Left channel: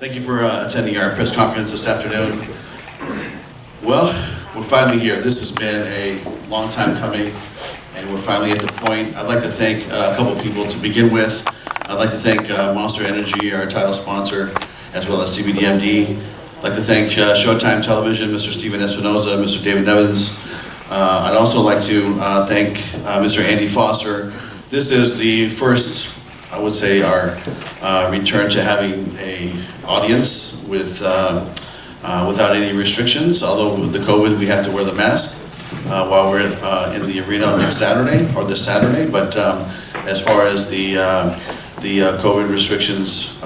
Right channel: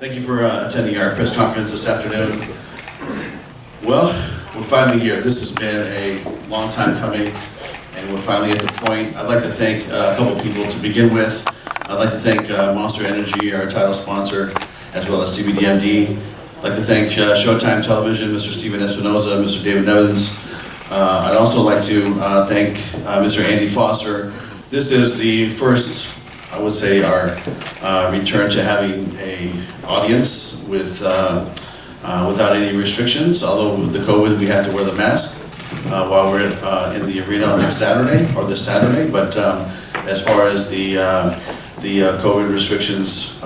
Thank you for attending our press conference this afternoon. Well, we're finally here. This has been a long time coming, and we're finally at the point. I'd like to thank a couple people to begin with. I'd like to thank Monster Energy, our title sponsor, as well as CBDMD. I'd like to thank Showtime Television, Mr. Steven Espinoza, Mr. David Nevins. I'd also like to thank Mr. Andy Foster. This is the first, I would say, our return to having an audience with without any restrictions. Although with the COVID, we have to wear the mask while we're in the arena next Saturday or this Saturday. But as far as the COVID restrictions,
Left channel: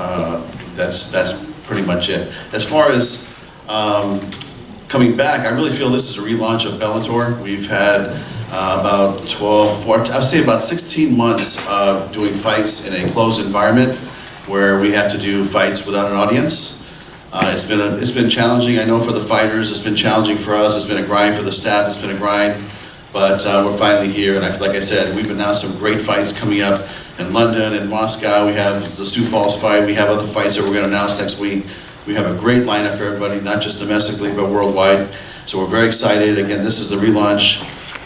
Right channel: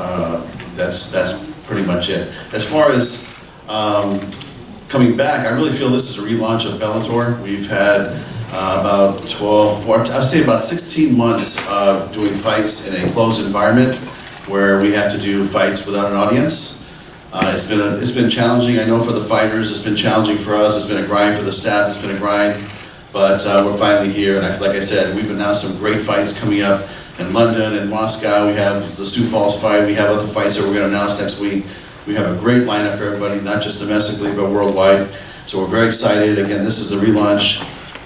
that's pretty much it. As far as coming back, I really feel this is a relaunch of Bellator. We've had about 16 months of doing fights in a closed environment where we have to do fights without an audience. It's been challenging, I know, for the fighters. It's been challenging for us. It's been a grind for the staff. It's been a grind, but we're finally here. And like I said, we've announced some great fights coming up in London and Moscow. We have the Sioux Falls fight. We have other fights that we're going to announce next week. We have a great lineup for everybody, not just domestically, but worldwide. So we're very excited. Again, this is the relaunch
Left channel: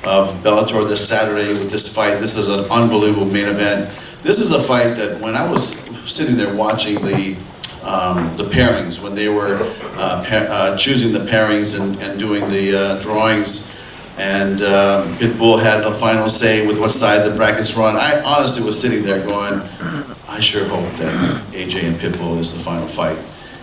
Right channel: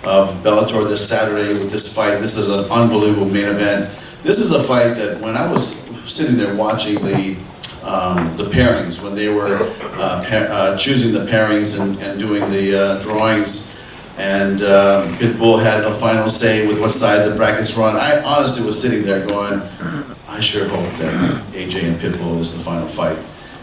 of Bellator this Saturday with this fight. This is an unbelievable main event. This is a fight that when I was sitting there watching the pairings, when they were choosing the pairings and doing the drawings, and Pitbull had the final say with what side the brackets run, I honestly was sitting there going, I sure hope that AJ and Pitbull is the final fight.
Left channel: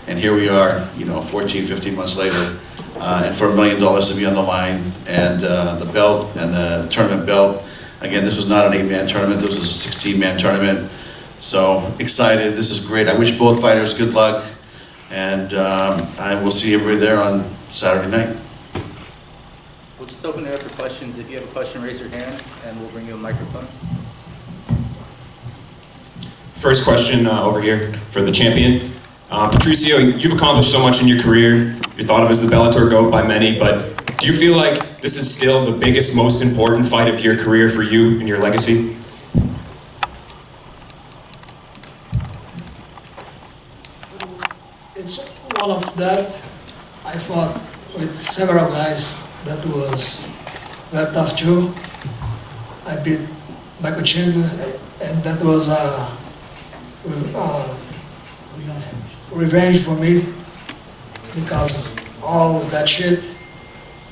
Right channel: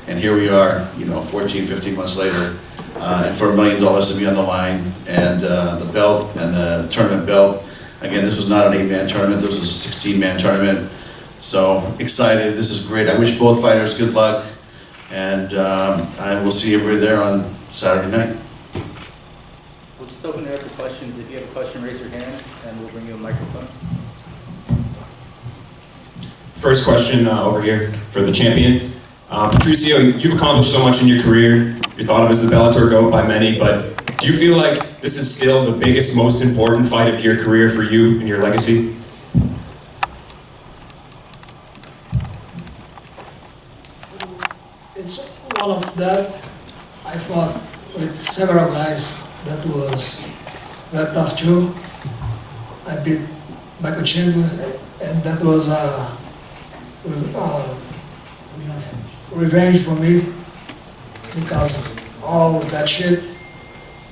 And here we are, 14, 15 months later, and for $1 million to be on the line, and the belt and the tournament belt. Again, this was not an 8-man tournament, this was a 16-man tournament. So excited, this is great. I wish both fighters good luck, and I will see everybody there on Saturday night. We'll just open it up for questions. If you have a question, raise your hand, and we'll bring you a microphone. First question over here for the champion. Patricio, you've accomplished so much in your career. You're thought of as the Bellator GOAT by many, but do you feel like this is still the biggest, most important fight of your career for you and your legacy? It's one of that. I fought with several guys that was very tough too. I beat Michael Chandler, and that was revenge for me because all that shit.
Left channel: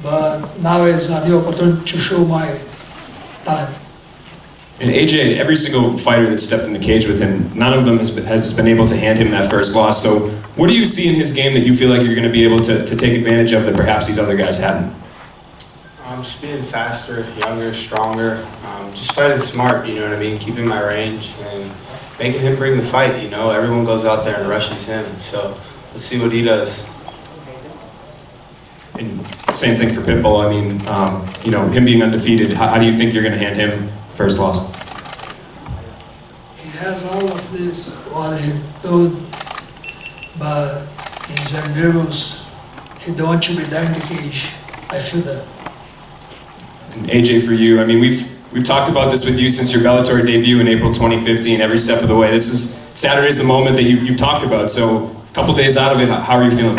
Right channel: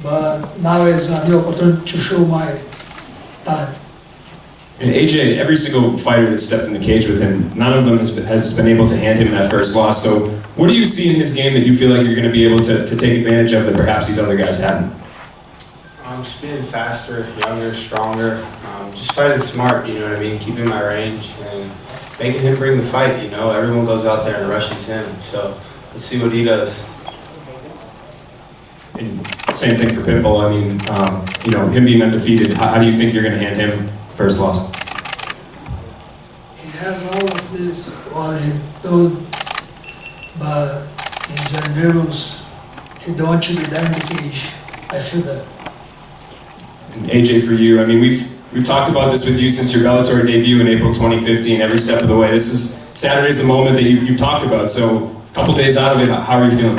But now is a new opportunity to show my talent. And AJ, every single fighter that stepped in the cage with him, none of them has been able to hand him that first loss. So what do you see in his game that you feel like you're going to be able to take advantage of that perhaps these other guys haven't? Just being faster, younger, stronger, just fighting smart, you know what I mean? Keeping my range and making him bring the fight, Everyone goes out there and rushes him. So let's see what he does. And same thing for Pitbull. I mean, him being undefeated, how do you think you're going to hand him first loss? He has all of this, what he told, but he's very nervous. He don't want to be there in the cage. I feel that. And AJ, for you, I mean, we've talked about this with you since your Bellator debut in April 2015, every step of the way. Saturday's the moment that you've talked about. So a couple days out of it, how are you feeling?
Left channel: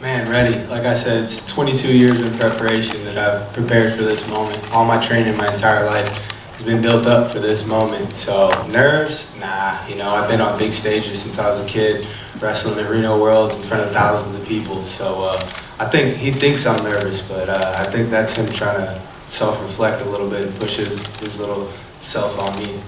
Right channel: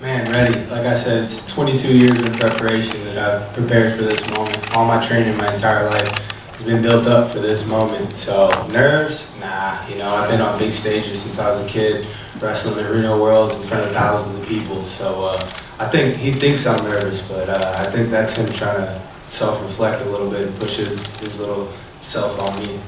Man, ready. Like I said, it's 22 years of preparation that I've prepared for this moment. All my training my entire life has been built up for this moment. So nerves? Nah. I've been on big stages since I was a kid, wrestling in Reno Worlds in front of thousands of people. So I think he thinks I'm nervous, but I think that's him trying to self-reflect a little bit and push his little self on me.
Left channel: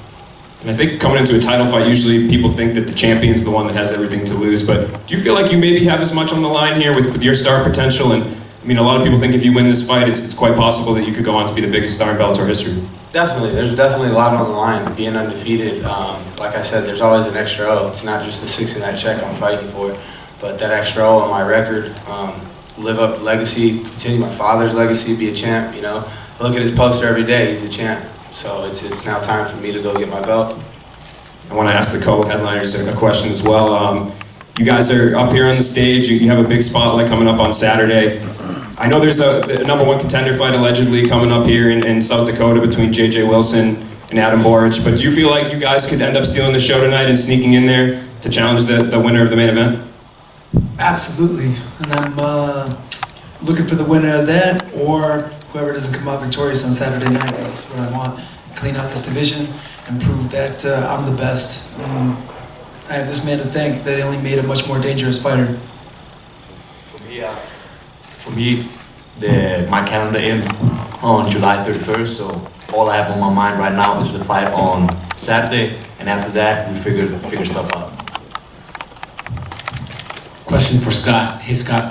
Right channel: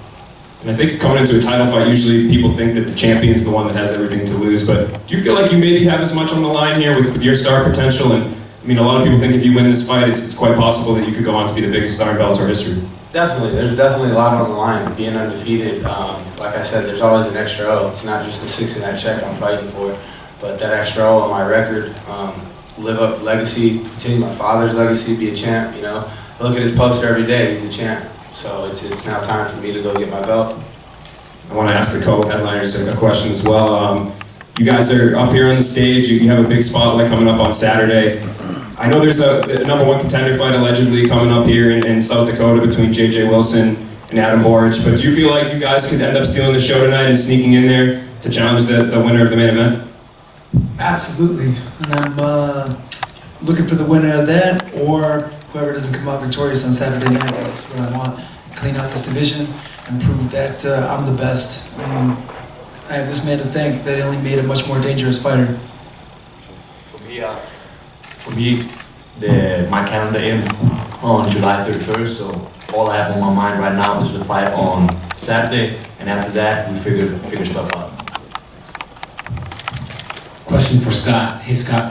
And I think coming into a title fight, usually people think that the champion's the one that has everything to lose, but do you feel like you maybe have as much on the line here with your star potential? And I mean, a lot of people think if you win this fight, it's quite possible that you could go on to be the biggest star in Bellator history. Definitely, there's definitely a lot on the line. Being undefeated, like I said, there's always an extra O. It's not just the 6 in that check I'm fighting for, but that extra O on my record, live up legacy, continue my father's legacy, be a champ, I look at his poster every day, he's a champ. So it's now time for me to go get my belt. I want to ask the co-headliners a question as well. You guys are up here on the stage, you have a big spotlight coming up on Saturday. I know there's a #1 contender fight allegedly coming up here in South Dakota between J.J. Wilson and Adam Boric, but do you feel like you guys could end up stealing the show tonight and sneaking in there to challenge the winner of the main event? Absolutely, and I'm looking for the winner of that, or whoever doesn't come out victorious on Saturday night is what I want. Clean out this division and prove that I'm the best. I have this man to thank that he only made a much more dangerous fighter. For me, my calendar ends on July 31st, so all I have on my mind right now is the fight on Saturday, and after that, we figure stuff out. Question for Scott. Hey Scott,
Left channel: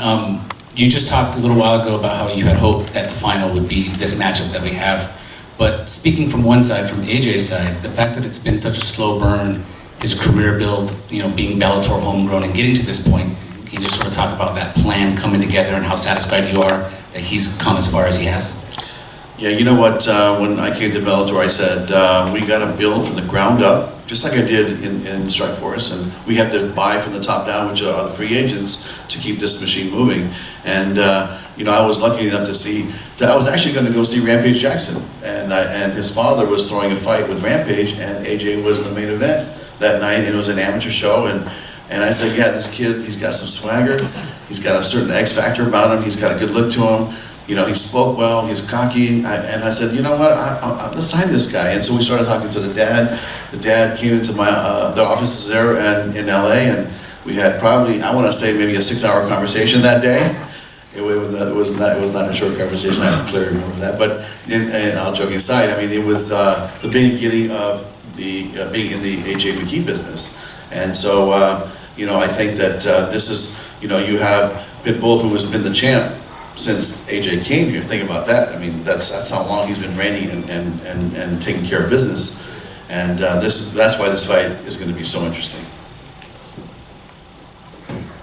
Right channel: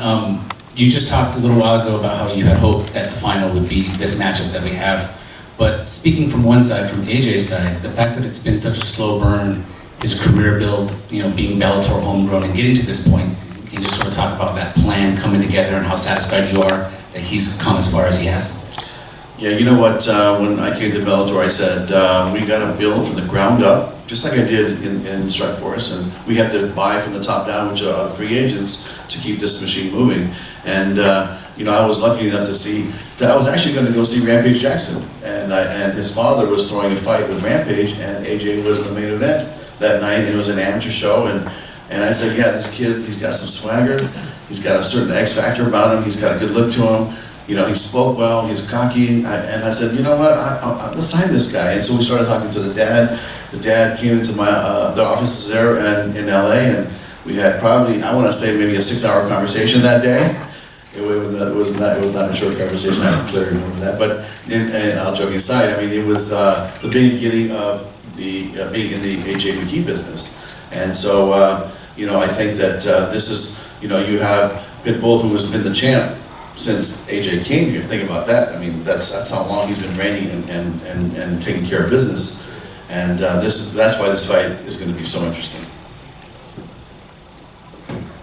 you just talked a little while ago about how you had hoped that the final would be this matchup that we have. But speaking from one side, from AJ's side, the fact that it's been such a slow burn, his career build, being Bellator homegrown and getting to this point, can you just sort of talk about that plan coming together and how satisfied you are that he's come as far as he has? Yeah, you know what, when I came to Bellator, I said, we got to build from the ground up, just like I did in Strikeforce, and we have to buy from the top down, which are the free agents, to keep this machine moving. And I was lucky enough to see, I was actually going to go see Rampage Jackson, and his father was throwing a fight with Rampage, and AJ was the main event that night, and it was an amateur show, and I said, yeah, this kid, he's got some swagger, he's got a certain X factor about him, he's got a good look to him, he spoke well, he's cocky, and I said, you know what, let's sign this guy. And so we started talking to the dad. The dad came into the offices there in LA, and we had probably, I want to say maybe a 6-hour conversation that day. It was not a short conversation, I clearly remember that, but and all joking aside, I mean, it was the beginning of being in the AJ Mckee business. And so, I think that this is, you have Pitbull, who has been the champ since AJ came here. Think about that. I mean, that's how long he's been reigning and taking care of business. And that's why this fight is going to be so interesting.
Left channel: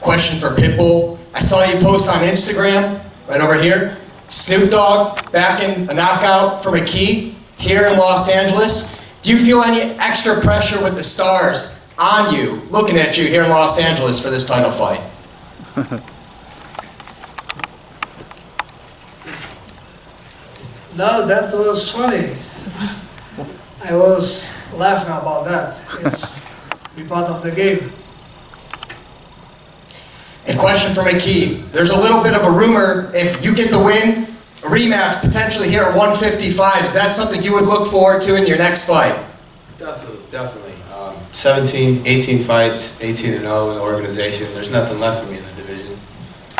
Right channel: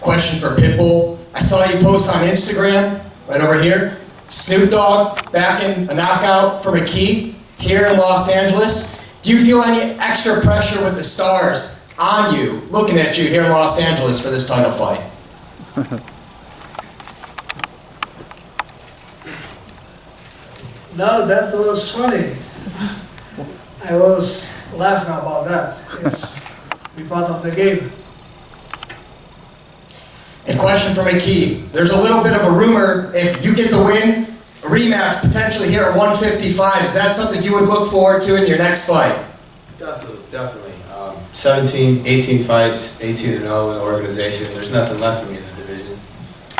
Question for Pitbull. I saw you post on Instagram, right over here, Snoop Dogg backing a knockout for Mckee here in Los Angeles. Do you feel any extra pressure with the stars on you, looking at you here in Los Angeles for this title fight? No, that was funny. I was laughing about that. It's be part of the game. A question for Mckee. There's a little bit of a rumor, if you get the win, a rematch potentially here at 155. Is that something you would look forward to in your next fight? Definitely. 17, 18 fights, 18-0 in the organization. There's nothing left for me in the division.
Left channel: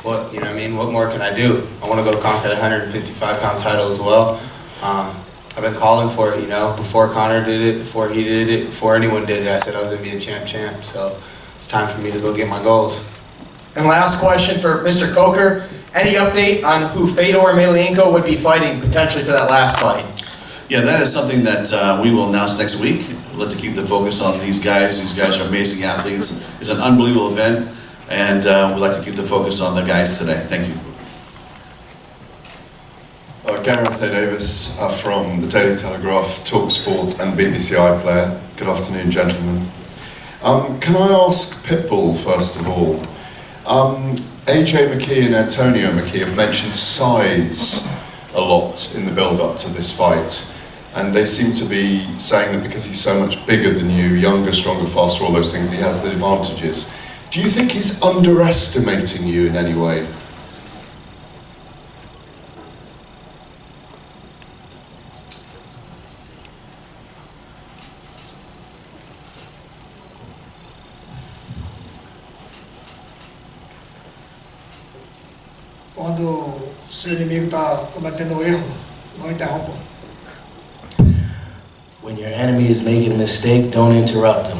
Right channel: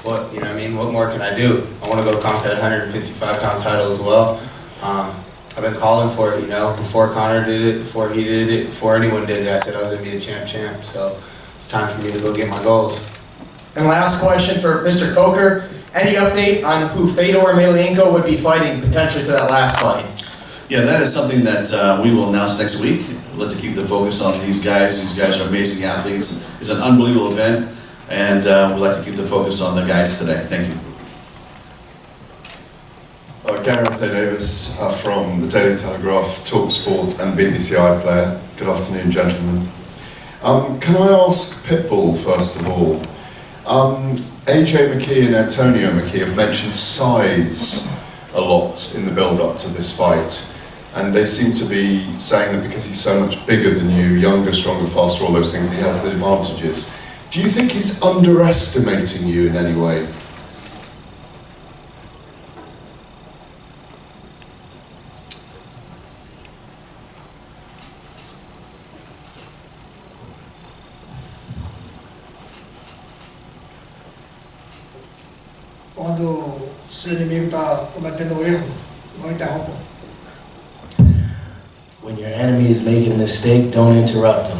What more can I do? I want to go conquer the 155-pound title as well. I've been calling for it, before Connor did it, before he did it, before anyone did it. I said I was going to be a champ. So it's time for me to go get my goals. And last question for Mr. Coker. Any update on who Fedor Emelianenko would be fighting potentially for that last fight? Yeah, that is something that we will announce next week. We'd like to keep the focus on these guys. These guys are amazing athletes. It's an unbelievable event, and we'd like to keep the focus on the guys today. Thank you. Gareth A. Davis from the Daily Telegraph, TalkSport and BBC iPlayer. Good afternoon, gentlemen. Can I ask Pitbull, first of all, AJ Mckee and Antonio Mckee have mentioned size a lot in the build-up to this fight, and they seem to be saying that because he's so much bigger than you, younger, stronger, faster, all those things, he has the advantages. Do you think he's underestimating you in any way? Quando seu inimigo está cometendo um erro, não interrompa. When your enemy is making a mistake, don't interrupt him.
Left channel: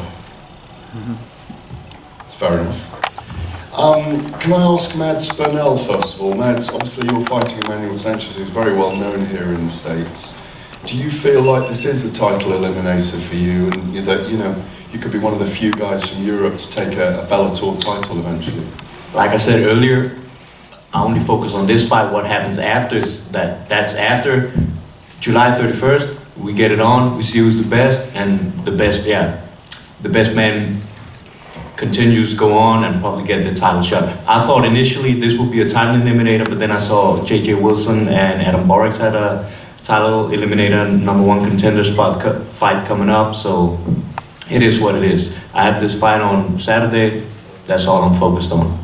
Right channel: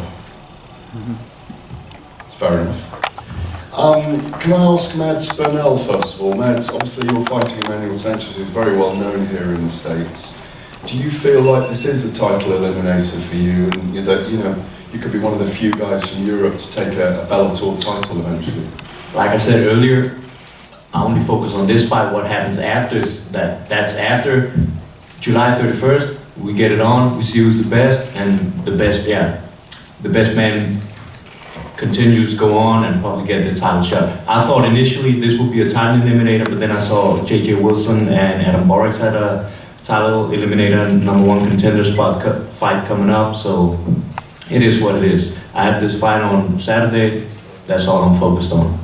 Fair enough. Can I ask Mads Burnell first of all? Mads, obviously you're fighting Emmanuel Sanchez, who's very well known here in the States. Do you feel like this is a title eliminator for you, and that you could be one of the few guys from Europe to take a Bellator title eventually? Like I said earlier, I only focus on this fight. What happens after is that's after July 31st. We get it on, we see who's the best, and the best man continues to go on and probably get the title shot. I thought initially this would be a title eliminator, but then I saw J.J. Wilson and Adam Borics had a title eliminator, #1 contender fight coming up, so it is what it is. I have this fight on Saturday, that's all I'm focused on.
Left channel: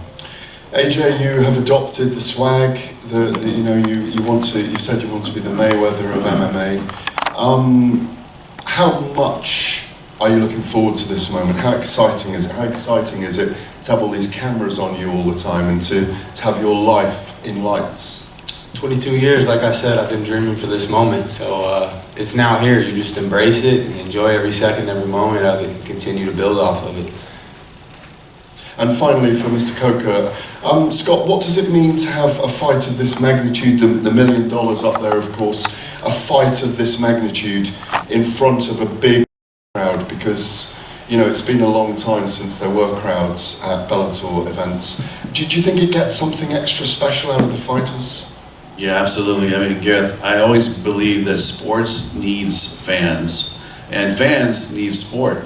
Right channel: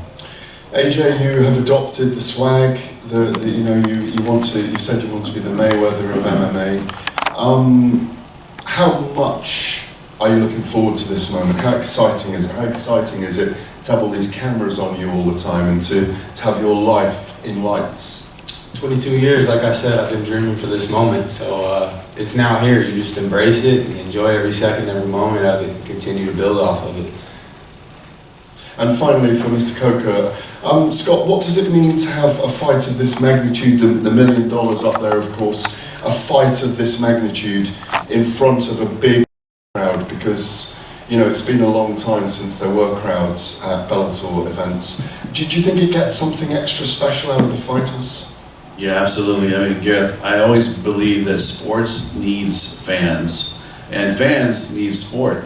AJ, you have adopted the swag. You know, you want to. You said you want to be the Mayweather of MMA. How much are you looking forward to this moment? How exciting is it? How exciting is it to have all these cameras on you all the time and to have your life in lights? 22 years, like I said, I've been dreaming for this moment. So it's now here. You just embrace it and enjoy every second, every moment of it, and continue to build off of it. And finally, for Mr. Coker, Scott, what does it mean to have a fight of this magnitude, the $1 million up there, of course, a fight of this magnitude in front of a big crowd? Because, you know, it's been a long time since there were crowds at Bellator events. Do you think it gets something extra special out of the fighters? Yeah, absolutely. I mean, Gareth, I always believe that sports needs fans, and fans need sport.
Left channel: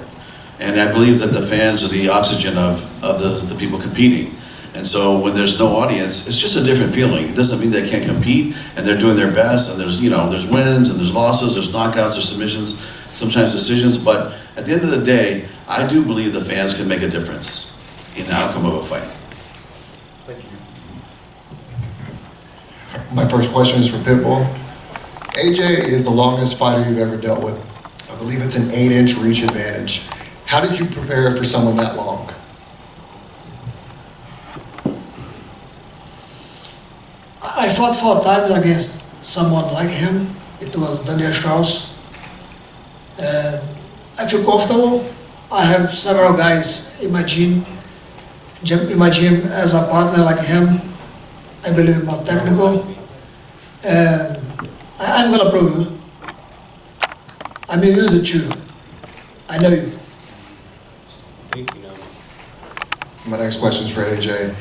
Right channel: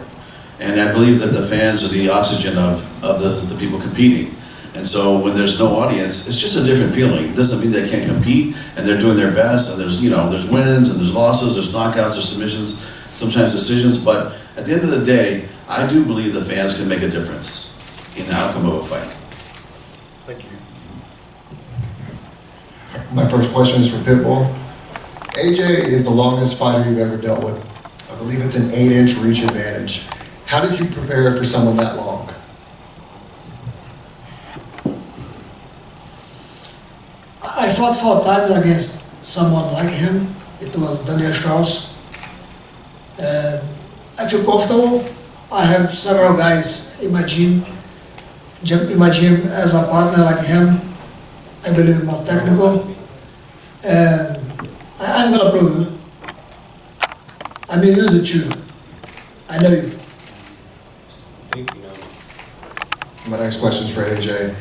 And I believe that the fans are the oxygen of the people competing. And so when there's no audience, it's just a different feeling. It doesn't mean they can't compete, and they're doing their best, and there's, you know, there's wins, and there's losses, there's knockouts, there's submissions, sometimes decisions, but at the end of the day, I do believe the fans can make a difference in the outcome of a fight. Thank you. My first question is for Pitbull. AJ is the longest fighter you've ever dealt with. I believe it's an 8-inch reach advantage. How did you prepare for someone that long? I fought 4 times against someone like him. It was Daniel Strauss. And I feel comfortable. I have several guys in my gym as a partner like him. I believe in more technical. And I'm gonna prove you. I'm used to you. I know you. My next question is for AJ.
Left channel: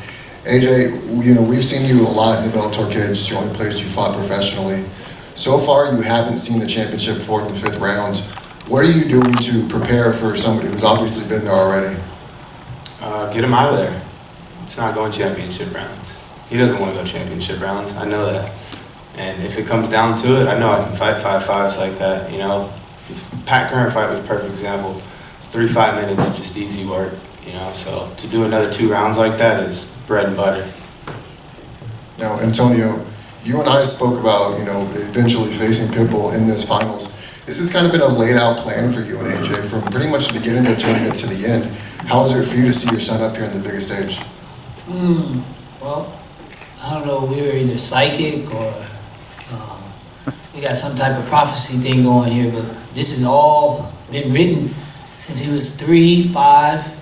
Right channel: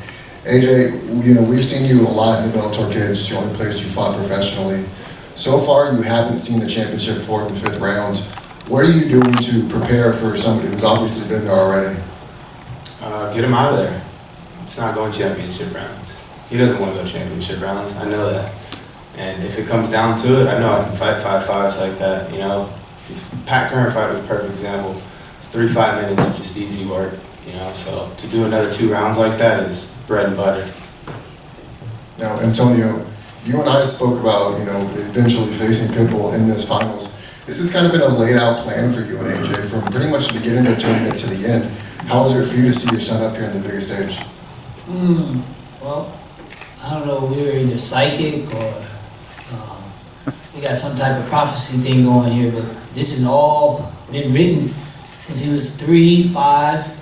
AJ, you know, we've seen you a lot in the Bellator Kids. It's the only place you fought professionally. So far, you haven't seen the championship 4th and 5th rounds. What are you doing to prepare for somebody who's obviously been there already? Get him out of there. It's not going championship rounds. He doesn't want to go championship rounds. I know that. And if it comes down to it, I know I can fight 5-5s like that. You know, Pat Curran fight was a perfect example. It's 3-5 minutes of just easy work. You know, so to do another 2 rounds like that is bread and butter. Now, Antonio, you and I spoke about, you know, eventually facing Pitbull in this finals. This has kind of been a laid out plan for you and AJ from pretty much the beginning of the tournament to the end. How is it for you to see your son up here on the biggest stage? Well, I don't know, we were either psychic or we got some type of prophecy thing going here, but this has all been written since he was 3, 5.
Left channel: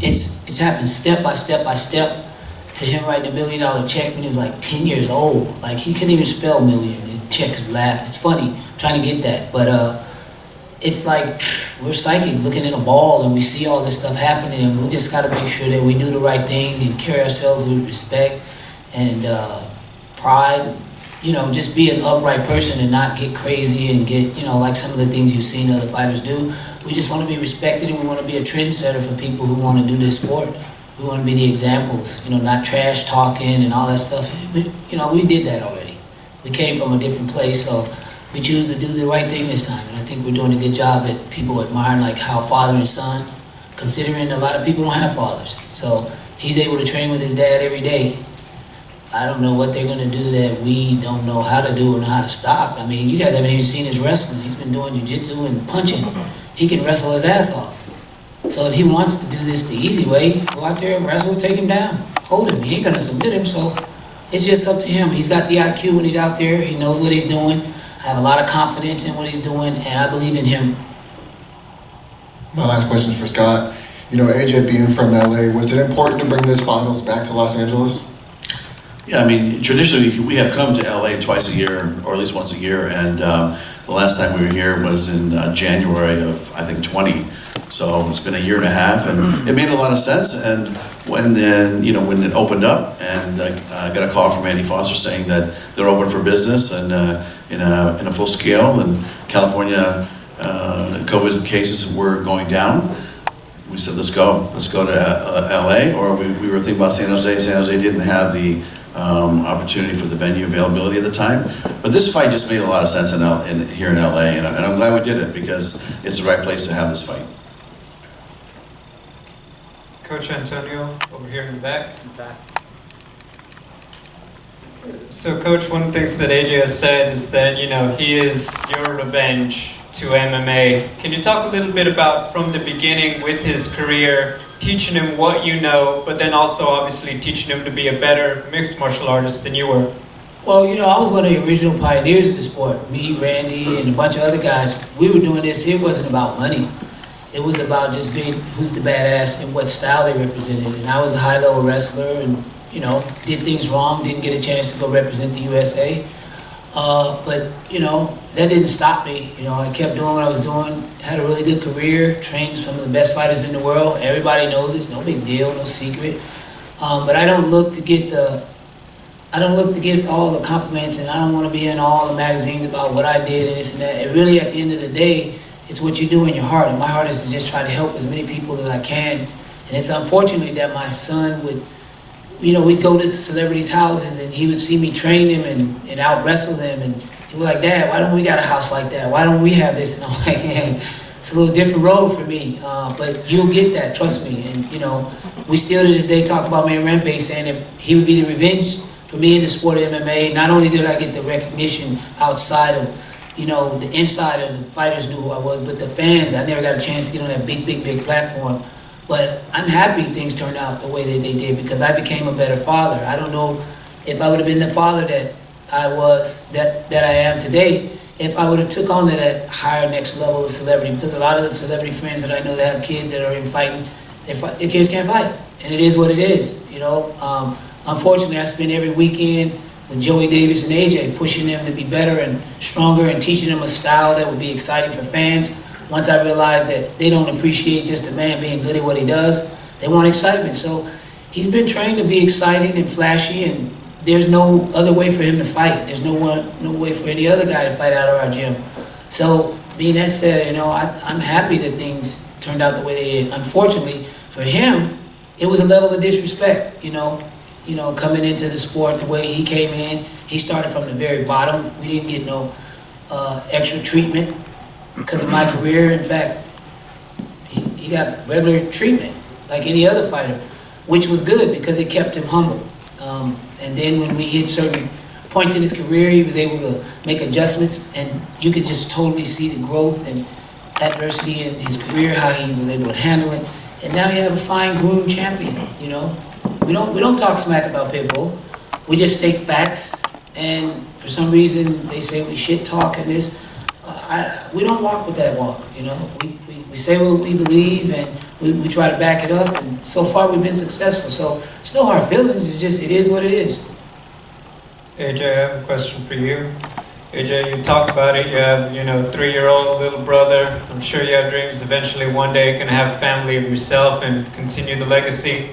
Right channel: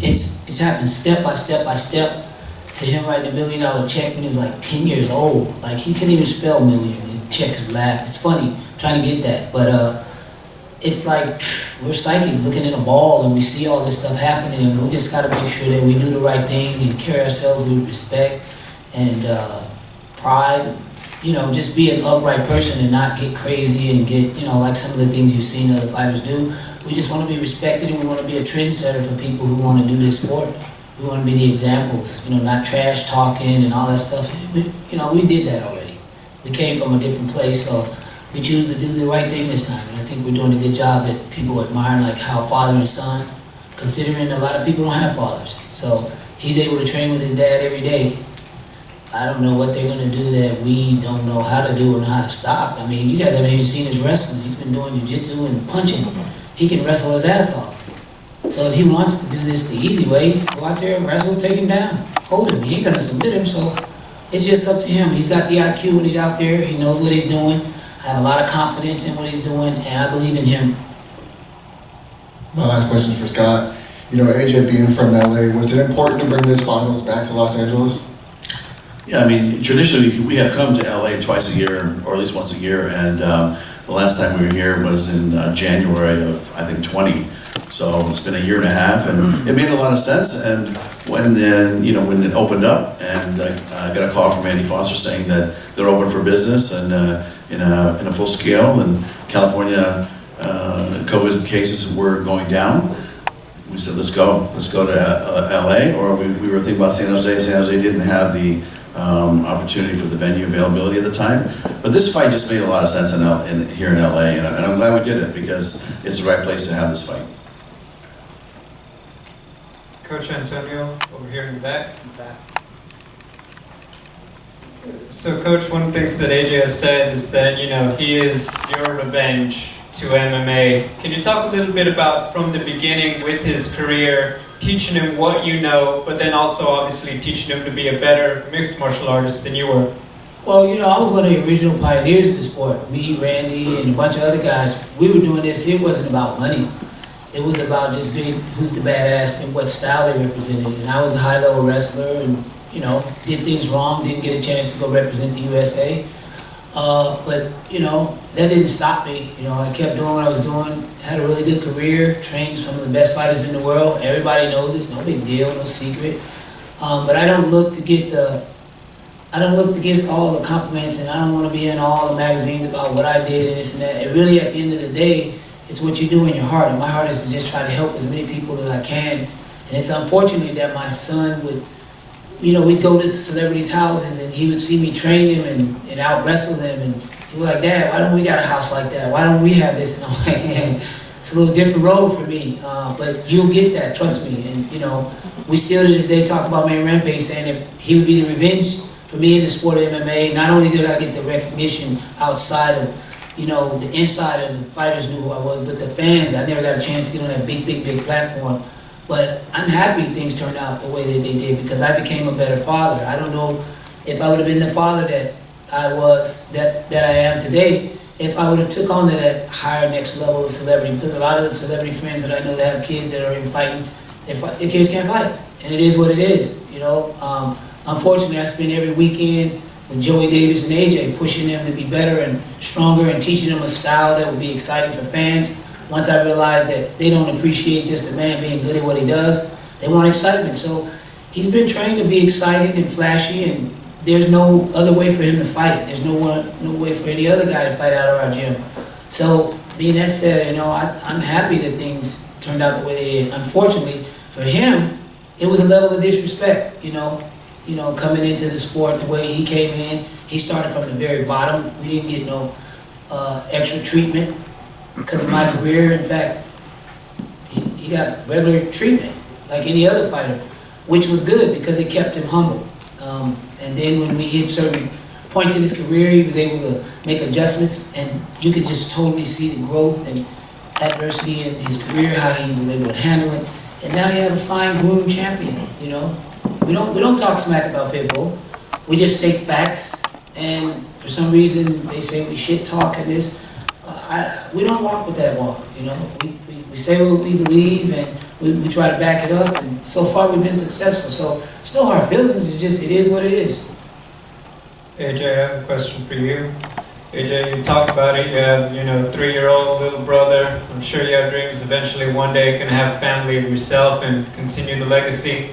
It's happened step by step by step to him writing $1 million check when he was like 10 years old. Like, he couldn't even spell million. His checks laugh. It's funny trying to get that, but it's like we're psychic looking at a ball and we see all this stuff happening, and we just got to make sure that we do the right thing and carry ourselves with respect and pride. You know, just be an upright person and not get crazy and get, you know, like some of the things you've seen other fighters do. We just want to be respected, and we want to be a trendsetter for people who want to do this sport. We want to be the examples, you know, not trash talking and all that stuff. We did that already. We came from a different place, so we choose to do the right thing this time. And I think we're doing a good job at people admiring like how father and son, considering a lot of people don't have fathers. So he's able to train with his dad every day. I don't know what they're going to do that we don't know how to do and how to stop. I mean, you guys haven't even seen his wrestling. He's been doing jiu-jitsu and punching. He can wrestle his ass off. So if he wants to do this the easy way, go out there and wrestle, take him down, hold him. He ain't going to submit him, so it's just up to him. He's got the IQ when he's out there. He knows what he's doing. I have a lot of confidence in what he's doing, and I believe in him. My last question is for Scott. You know, AJ being from LA, was it important to bring this finals back to Los Angeles? Yeah, I mean, traditionally, we have come to LA twice a year, or at least once a year, and the last time we were here was in January of, I think, 20. So it's been a year and a half, and it made a lot of sense. And when it opened up, and I got a call from Andy Foster saying that they're open for business and in a full scale, and California COVID cases were going down. We said, let's go to LA, or we were thinking about San Jose. San Jose didn't have the opportunity for the venue availability at the time. But this fight just made a lot of sense here in LA, and I'm glad we did it because it's the right place to have this fight. Coach Antonio, over here in the back. So, Coach, one of the things that AJ has said is that, you know, he is your revenge to MMA. Can you talk a little bit about, from the beginning with his career, teaching him what you know, but then also obviously teaching him to be a better mixed martial artist than you were? Well, you know, I was one of the original pioneers of the sport. Me, Randy, and a bunch of other guys. We were doing this. It wasn't about money. It was about just being who's the badass and what style they represented. And I was a high-level wrestler and, you know, did things wrong, didn't get a chance to go represent the USA. But, you know, that didn't stop me. You know, I kept doing what I was doing, had a really good career, trained some of the best fighters in the world. Everybody knows it's no big deal, no secret. But I don't look to get all the compliments, and I don't want to be in all the magazines about what I did and this and that. And really, at the end of the day, it's what you do in your heart. And my heart is to just try to help as many people as I can. And it's unfortunate that my son would, you know, we'd go to celebrities' houses and he would see me train them and out wrestle them. And he was like, Dad, why don't we got a house like that? Why don't we have this? And I'm like, yeah, it's a little different road for me. But you'll get that, trust me. And, you know, we still to this day talk about Man Rampage saying that he would be the revenge for me in the sport of MMA. Not only did I get the recognition outside of, you know, the inside of the fighters knew who I was, but the fans, I never got a chance to get on that big platform. But I'm happy things turned out the way that they did because I became a better father. I don't know if I would have been the father that I was, that I am today, if I would have took on to that higher next level of celebrity, because a lot of the celebrity friends that I know that have kids that are in fighting, their kids can't fight. And it is what it is, you know. Unfortunately, I spend every weekend with Joey Davis and AJ, pushing them to be better and stronger and teaching them a style that would be exciting for fans. Once I realized that they don't appreciate just a man being good at what he does, they want excitement. So he's been trained to be exciting and flashy, and there's no other way for him to fight. There's no way for any other guy to fight out of our gym. So being that said, you know, I'm happy that things turned out the way they did. Unfortunately, for him, it was a level of disrespect, you know, coming into the sport the way he came in. He started from the very bottom. We didn't get no extra treatment because of my career. In fact, he got regular treatment like any other fighter, which was good because it kept him humble. And then when we hit certain points in his career, he was able to make adjustments, and you could just totally see the growth and adversity in his career, how he was able to handle it. And now you have a fine-groomed champion, you know. We don't talk smack about Pitbull. We just state facts, and for some reason they say we shit talk and this. We don't walk with that walk, you know. We say what we believe, and we try to back it up, and so far we've been successful. So it's no hard feelings. It's just, it is what it is. AJ, I have a question for you. AJ, you talk about it. You have, you know, 3-year-old little brother. I'm sure you have dreams eventually one day you can have a family of yourself and continue the legacy.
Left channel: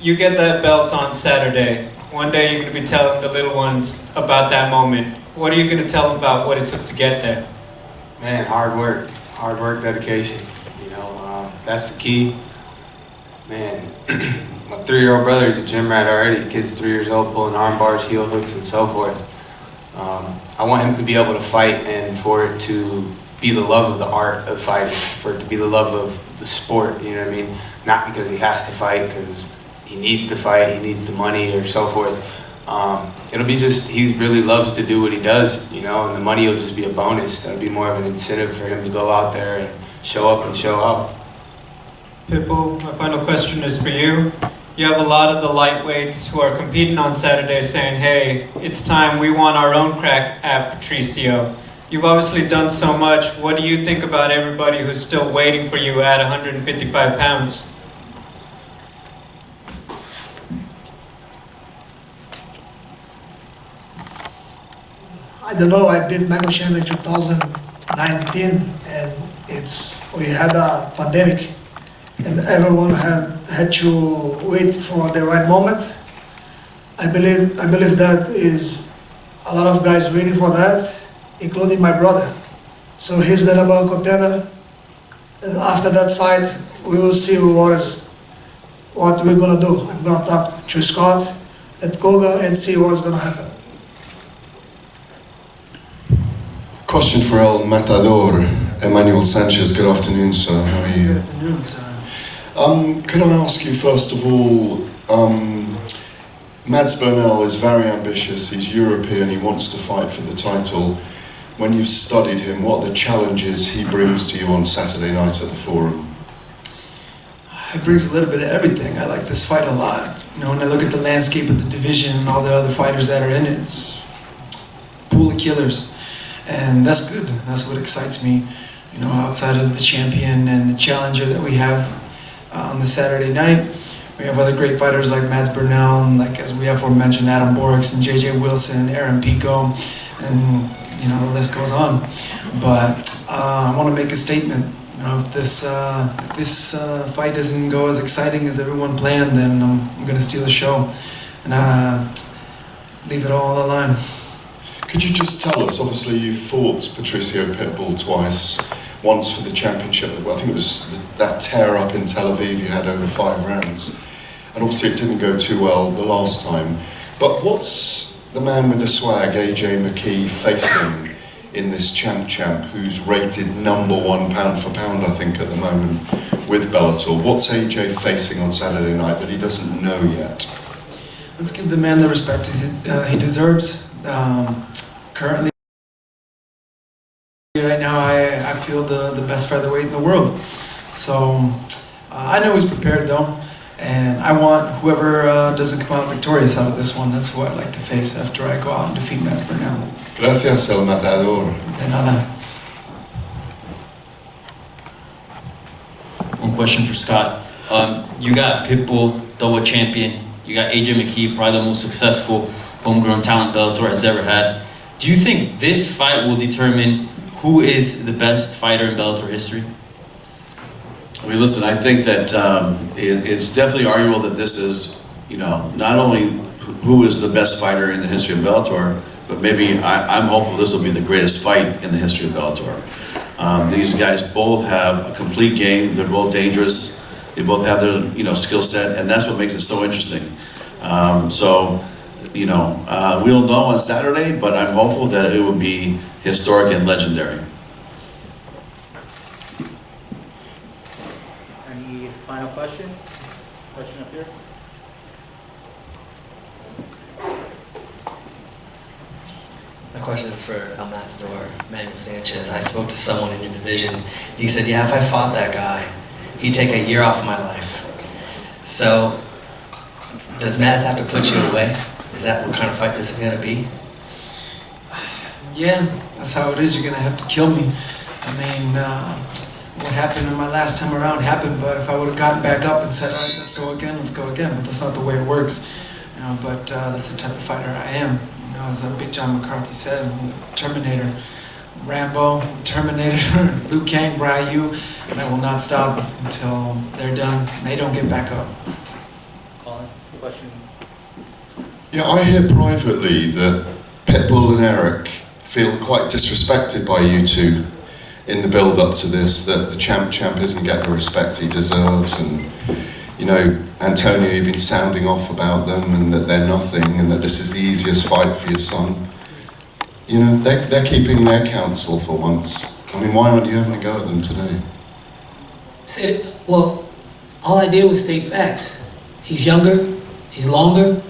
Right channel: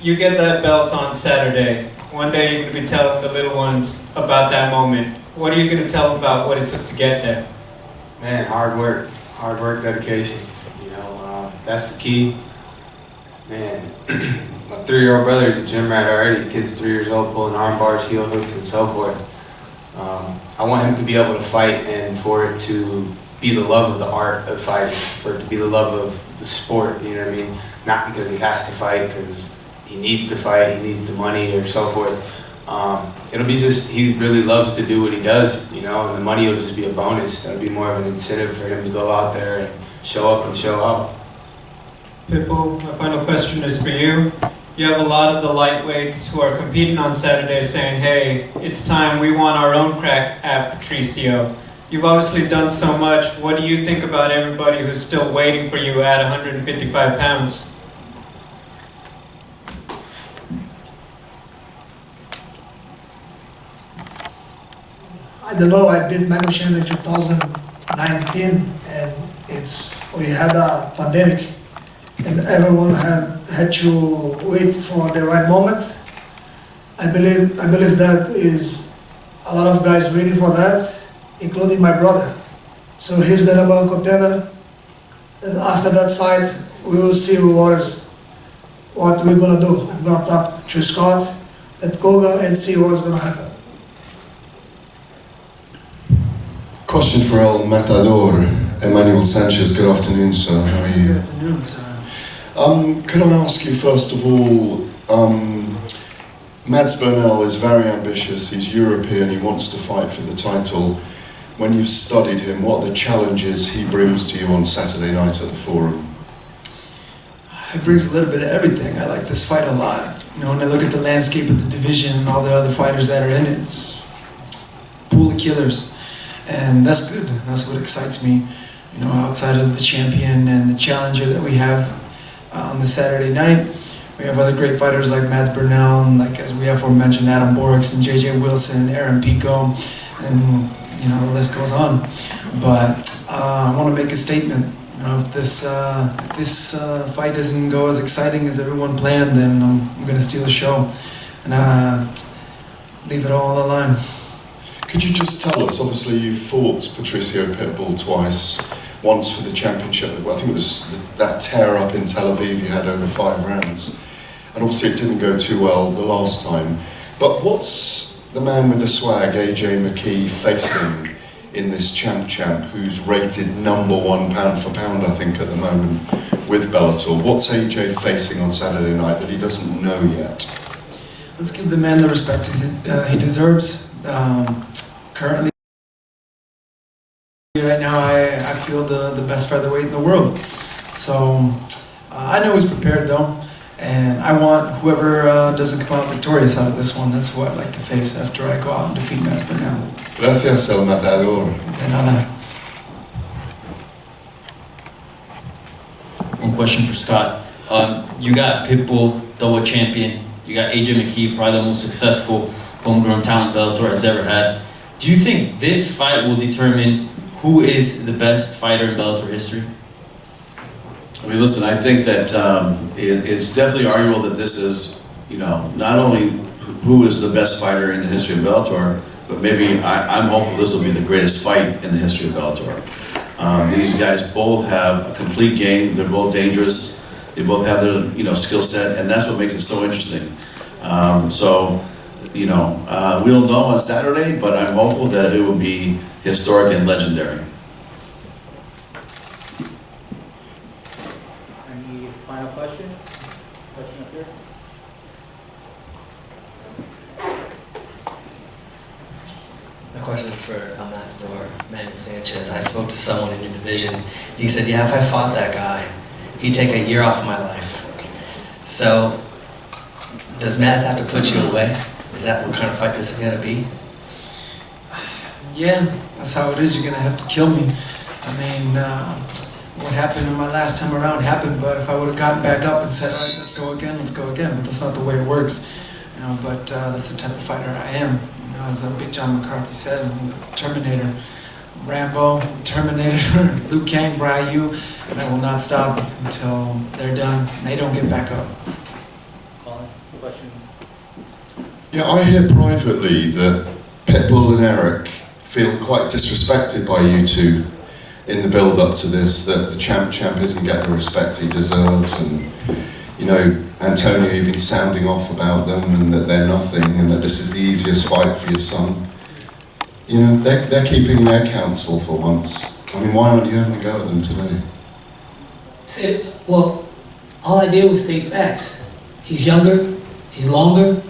You get that belt on Saturday. One day you're going to be telling the little ones about that moment. What are you going to tell them about what it took to get there? Man, hard work, dedication. You know, that's the key. Man, my 3-year-old brother is a gym rat already. The kid's 3 years old, pulling arm bars, heel hooks, and so forth. I want him to be able to fight and for it to be the love of the art of fighting, for it to be the love of the sport, you know what I mean? Not because he has to fight, because he needs to fight, he needs the money or so forth. It'll be just, he really loves to do what he does, you know, and the money will just be a bonus. That'll be more of an incentive for him to go out there and show up and show out. Pitbull, my final question is for you. You have a lot of the lightweights who are competing on Saturday saying, hey, it's time, we want our own crack at Patricio. You've obviously done so much. What do you think about everybody who's still waiting for you at 155 pounds? I don't know, I beat Michael Chandler in 2019, and we had a pandemic, and everyone had to wait for the right moment. I believe that is a lot of guys waiting for that, including my brother. So he's the #1 contender, and after that fight, we will see what we're gonna do. I'm gonna talk to Scott at Koga and see what's gonna happen. Question for El Matador, Emmanuel Sanchez. Good afternoon, sir. How are you? Good afternoon, sir. Could I ask you first of all, Mads Burnell is very ambitious, he's European, he wants to fight for the title. When you've studied him, what are the challenges he brings to you on Saturday night at the Forum? It brings a little bit of everything. I like this fight a lot. You know, when I look at the landscape of the division and all the other fighters that are in it, it's a pool of killers. And that's good. That's what excites me. You know, outside of the champion and the challenger that we have on the Saturday night, we have other great fighters like Mads Burnell, and like as we have aforementioned, Adam Borix and JJ Wilson, Aaron Pico, and you know, the list goes on. But I want to make a statement. You know, if this fight doesn't go as exciting as everyone planned, then I'm going to steal the show and leave it all on the line. Could you just tell us, obviously you fought Patricio Pitbull twice, once for the championship, I think it was that tear up in Tel Aviv you had over 5 rounds, and obviously it didn't go too well the last time. But what's the man with the swag, AJ Mckee, facing in this champ who's rated #1 pound for pound, I think, at the moment with Bellator? What's AJ facing on Saturday night that he doesn't know yet? Let's give the man the respect he deserves. Currently, right now, I feel the best featherweight in the world. So I know he's prepared though, and I want whoever doesn't come out victorious out of this one. That's who I'd like to face after I go out and defeat Mads Burnell. Gracias, el matador. De nada. One question for Scott. You got Pitbull, double champion. You got AJ Mckee, probably the most successful homegrown talent Bellator has ever had. Do you think this fight will determine who is the best fighter in Bellator history? I mean, listen, I think that it's definitely arguable that this is, you know, not only who is the best fighter in the history of Bellator, but maybe I'm hopeful this will be the greatest fight in the history of Bellator. These guys both have a complete game. They're both dangerous. They both have their, you know, skill set, and that's what makes it so interesting. You know, we'll know on Saturday, but I'm hopeful that it will be historic and legendary. Any final questions? Question up here? My question is for El Matador, Manuel Sanchez. I spoke to someone in your division. He said, yeah, if I fought that guy, he'd take a year off of my life. So, does Mads have to put you away? Is that what kind of fight this is going to be? Yeah, that's how it is. You're going to have to kill me. I mean, what happened in my last time around happened, but if I would have gotten back up and said, all right, let's go again, let's go again. But that's not the way it works. You know, but that's the type of fighter I am. You know, as Big John McCarthy said, I'm the Terminator. Rambo, Terminator, Liu Kang, Ryu, and I will not stop until they're done and they don't get back up. Colin, question? Yeah, I hear privately that Pitbull and Eric feel quite disrespected by you two in the build-up to this, that the champ isn't getting the respect he deserves, and, you know, Antonio, you've been sounding off about them and that they're nothing and that this is the easiest fight for your son. You know, they're keeping their counsel for once. I mean, why aren't you having a go at them today? Well, all I did was state facts. He's younger, he's longer,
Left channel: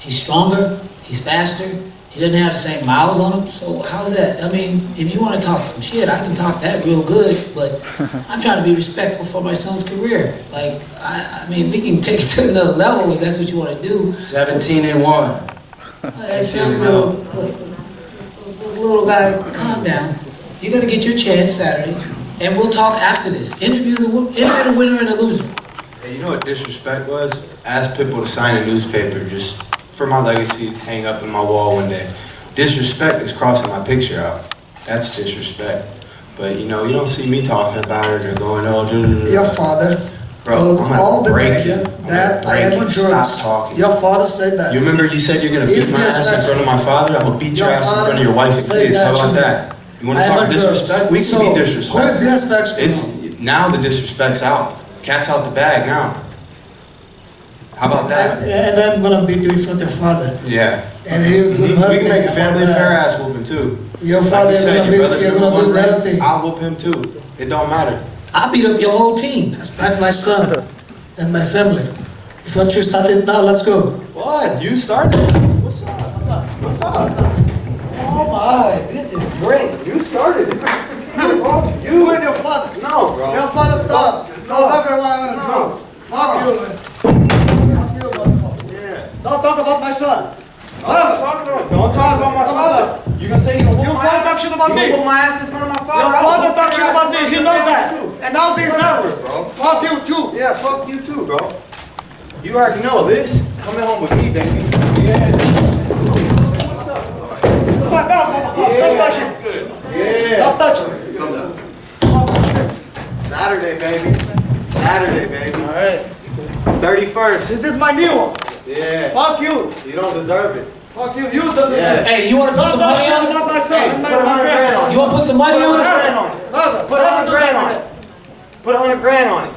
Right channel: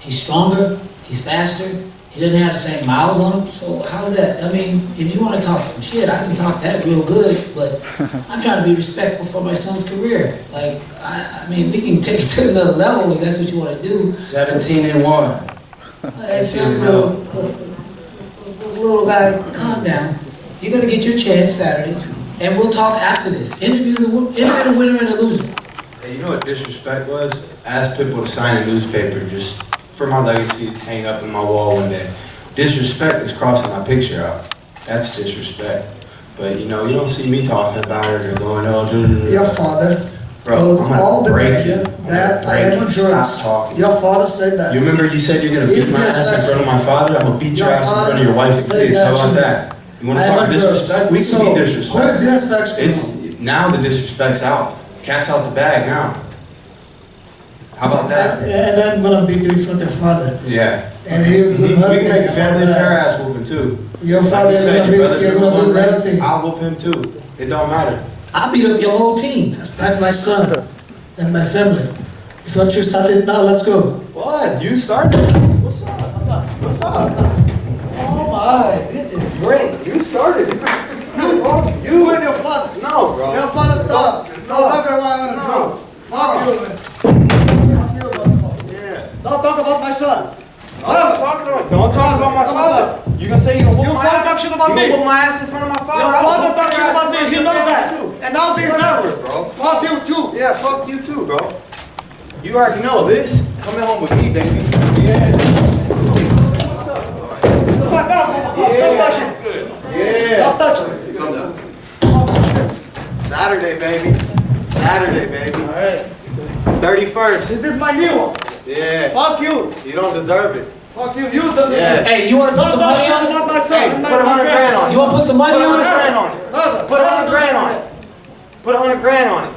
he's stronger, he's faster. He doesn't have the same miles on him, so how's that? I mean, if you want to talk some shit, I can talk that real good, but I'm trying to be respectful for my son's career. Like, I mean, we can take it to another level if that's what you want to do. 17-1. That sounds good. Little guy, calm down. You're gonna get your chance Saturday, and we'll talk after this. Interview the winner and the loser. Hey, you know what disrespect was? Ask Pitbull to sign a newspaper just for my legacy, hang up in my wall one day. Disrespect is crossing my picture out. That's disrespect. But you know, you don't see me talking about it or going, oh, Your father bro, told I'm all the break media you. that I am on Stop drugs. talking. Your father said that. You remember you said you're gonna It's beat my ass in disrespectful. front of my father? I'm gonna beat your ass in front of your wife and Say kids. that How about to me. that? You wanna I am talk on drugs. disrespect? We can So, be disrespectful. who is disrespectful? It's now the disrespect's out. Cat's out the bag now. How about that? And I'm gonna beat you in front of your father. Yeah. And he will do We nothing. can make a family about fair that. ass whooping too. Your Like father you is said, gonna your brothers you're are gonna do one ring, nothing. I'll whoop him too. It don't matter. I beat up your whole team. Respect my son and my family. If you want to start it now, let's go. What? You started? What's up? What's up? What's up? What's up? Oh my, this is great. You started. You and your father. No, bro. Your father thought. No, everyone on drugs. Fuck you, man. Fuck you, motherfucker. Yeah. Don't talk about my son. Don't talk about my father. You gonna say you don't whoop my ass? Talk shit about me. You whoop my ass in front of my father. Your father talk shit about me. He knows that. And now he's never, bro. Fuck you too. Yeah, fuck you too, bro. You already know this. Coming home with me, baby. Yeah. What's up? This is my belt, motherfucker. Don't touch it. Good. Yeah. Don't touch it. Calm down. Saturday, baby. Saturday, baby. All right. 31st. This is my new one. Yeah. Fuck you. You don't deserve it. Fuck you. You don't deserve it. Hey, you want to put some money on it? Not my son. Hey, put 100 grand on it. You want to put some money on it? Put 100 grand on it. Put 100 grand on it.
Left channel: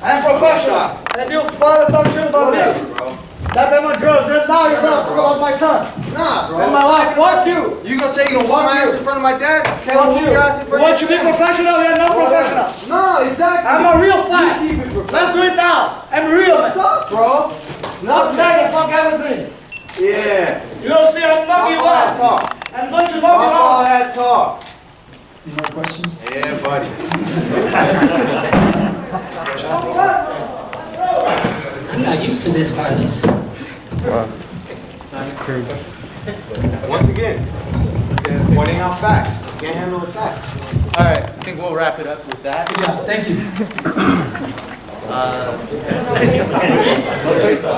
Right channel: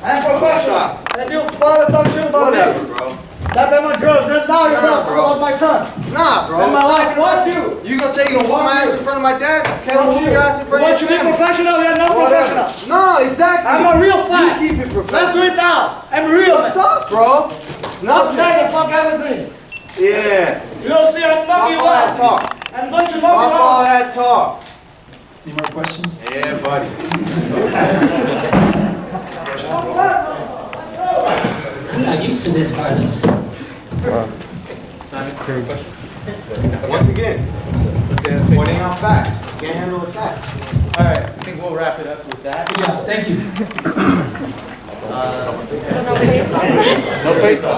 I'm professional. And your father talk shit about me. Bro. That them on drugs. And now you're gonna talk about my son. Nah, bro. And my wife. Fuck you. You gonna say you gonna whoop my ass in front of my dad? Can't whoop your ass in front of your family. You be professional? You're not professional. No, exactly. I'm a real fight. You keep it professional. Let's do it now. I'm real. What's up, bro? Not that the fuck everything. Yeah. You don't see I'm knocking you out. I'm going to knock you out. All that talk. Any more questions? Yeah, buddy. I'm not used to this violence. Once again, pointing out facts. Can't handle the facts. All right, I think we'll wrap it up with that. Good job, thank you. No face off.